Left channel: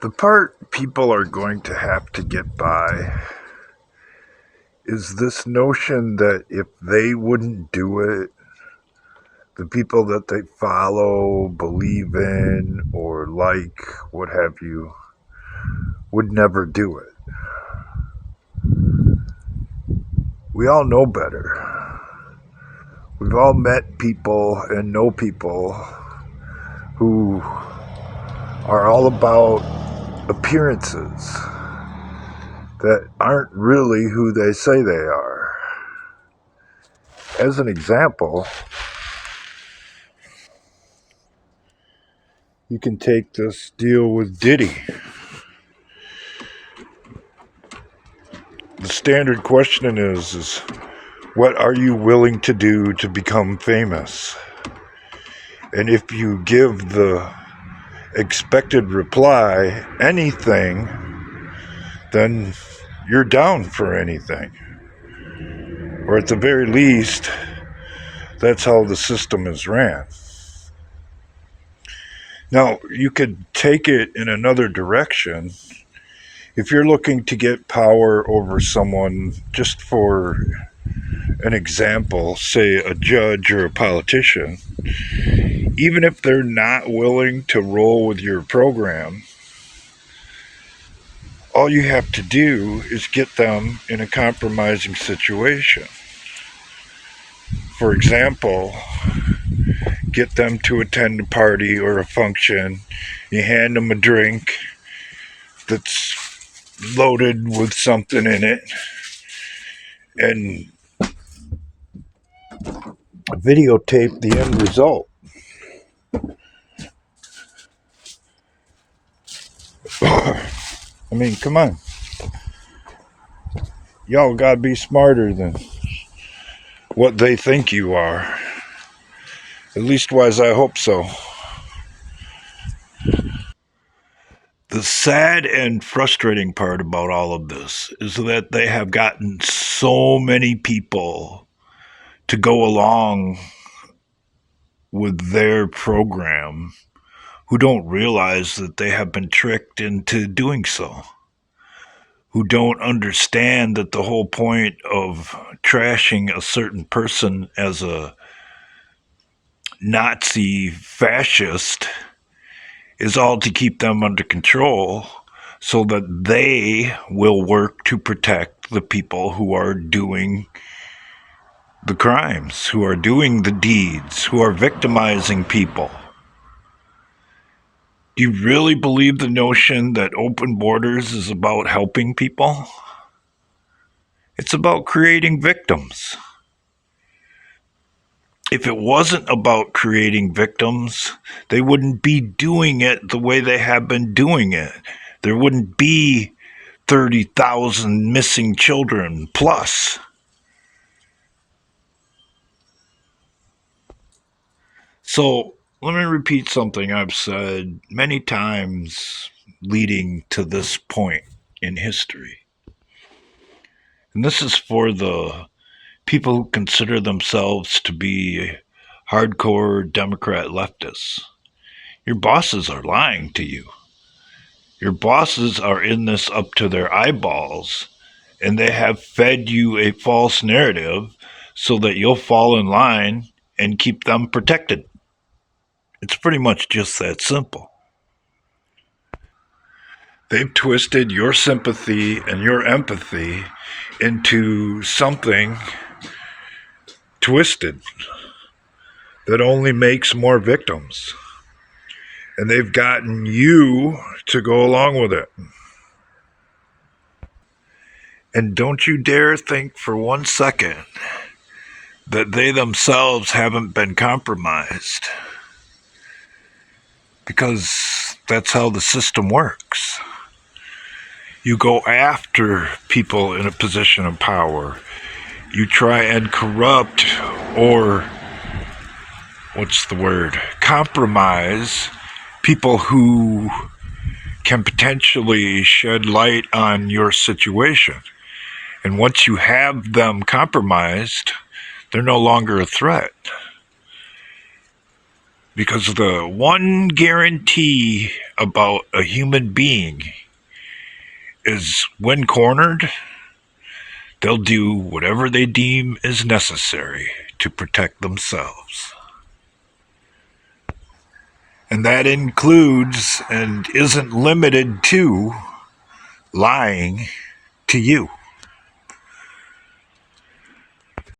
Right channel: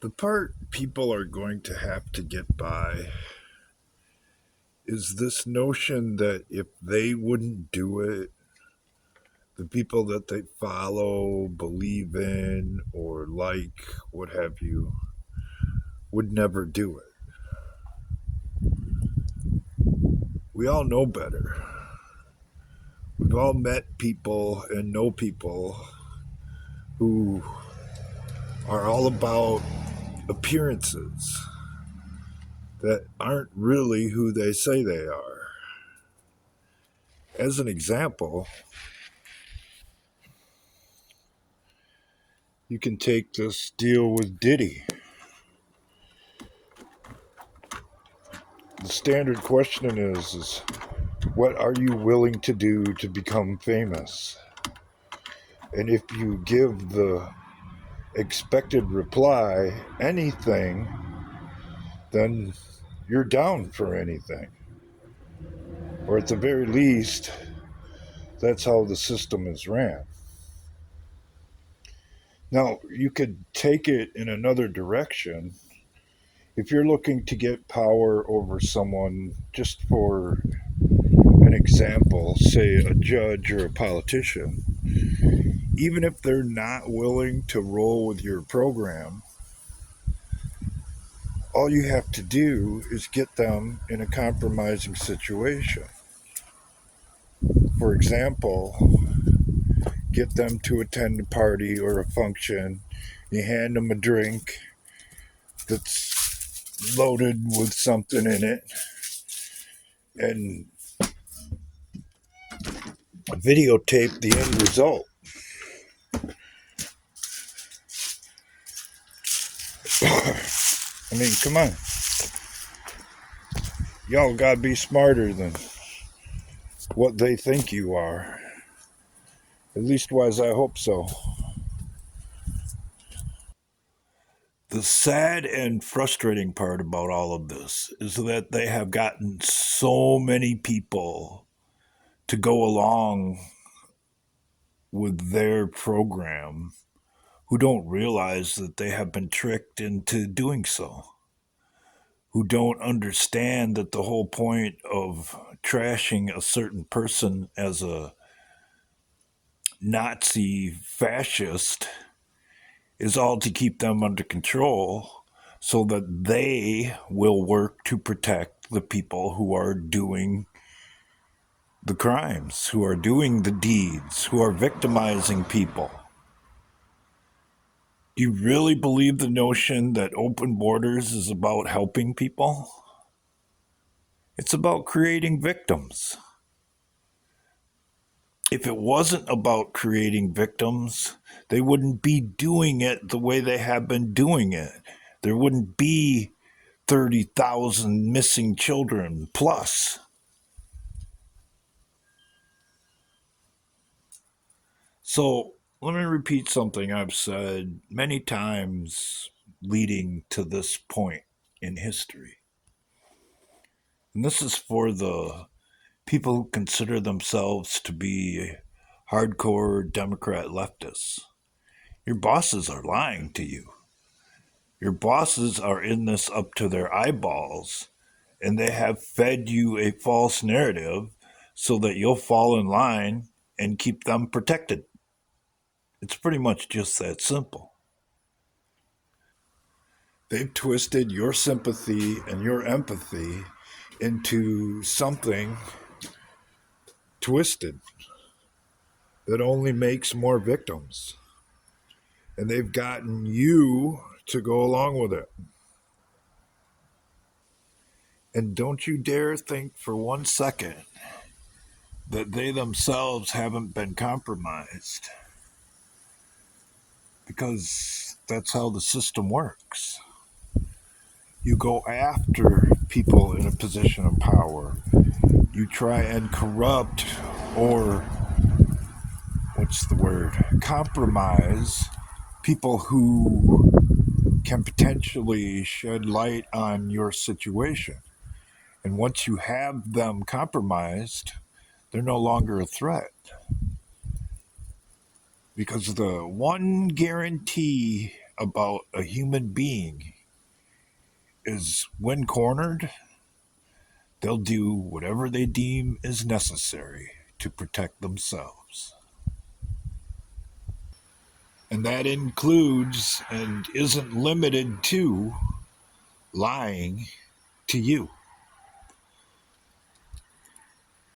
The part people are going to have to get by is this notion that if they wouldn't do it, the people that they follow, believe in, or like, what have you, would never do it. We all know better. We've all met people and know people who are all about appearances that aren't really who they say they are. As an example, you can take this deal with Diddy. The standard question is what are you willing to do to become famous? And if you give the expected reply, anything, then you're down for anything. Or at the very least, that's how the system is ran. Now, you could take it in another direction. If you're looking to get power over someone, just for an example, say a judge or a politician, even if they're not willing to roll with your program, all you have to do is get them in a compromising situation. For example, get them to attend a party or a function, you hand them a drink that's loaded with something in it, and videotape the end result. I mean, come on. Y'all gotta be smarter than what they think you are. At least wise, I hope so. The sad and frustrating part about all of this is that they have gotten so many people to go along with their program who don't realize that they have been tricked into doing so, who don't understand that the whole point of trashing a certain person as a Nazi fascist is all to keep them under control so that they will work to protect the people who are doing the crimes, who are doing the deeds, who are victimizing people. Do you really believe the notion that open borders is about helping people? It's about creating victims. If it wasn't about creating victims, they wouldn't be doing it the way they have been doing it. There wouldn't be 30,000 missing children plus. So let me repeat something I've said many times leading to this point in history. And this is for the people who consider themselves to be hardcore Democrat leftists. Your bosses are lying to you. Your bosses are in this up to their eyeballs, and they have fed you a false narrative so that you'll fall in line and keep them protected. It's pretty much just that simple. They've twisted your sympathy and your empathy into something twisted that only makes more victims. And they've gotten you to go along with it. And don't you dare think for 1 second that they themselves haven't been compromised. Because that's how the system works. You go after people in a position of power. You try and corrupt or, compromise people who can potentially shed light on your situation. And once you have them compromised, they're no longer a threat. Because the one guarantee about a human being is when cornered, they'll do whatever they deem is necessary to protect themselves. And that includes and isn't limited to lying to you.